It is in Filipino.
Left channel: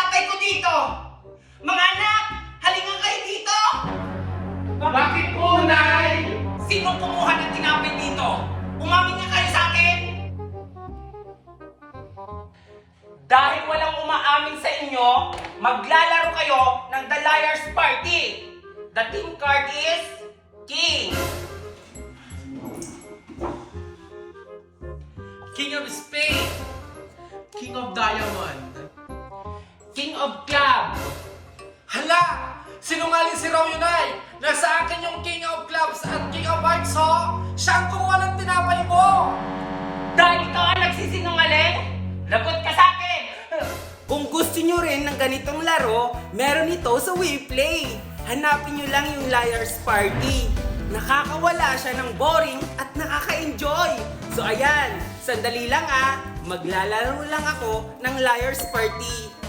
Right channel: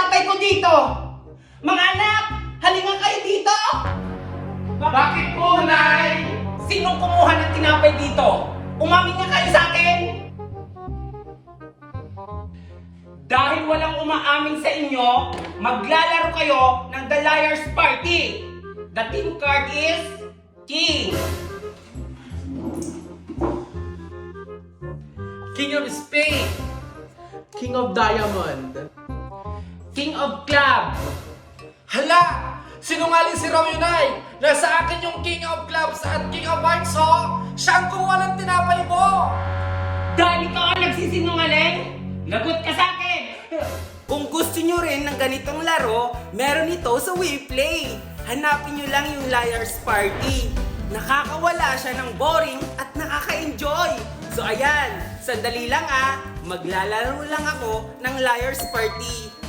tinapay ko dito. Mga anak, halika kayo dito. Bakit po, Nay? Sinong kumuha ng tinapay dito? Umamin nga kayo sa akin. Dahil walang umaamin sa inyo, maglalaro kayo ng The Liar's Party. The team card is King. King of Spades. King of Diamond. King of Club. Hala! Sinungaling si Romeo, Nay! Nasa akin yung King of Clubs at King of Hearts, ho! Siya ang kumuha ng tinapay mo! Dahil ikaw ang nagsisinungaling, lagot ka sa akin. Kung gusto nyo rin ng ganitong laro, meron ito sa WePlay. Hanapin nyo lang yung Liar's Party. Nakakawala siya ng boring at nakaka-enjoy. So ayan, sandali lang maglalaro lang ako ng Liar's Party.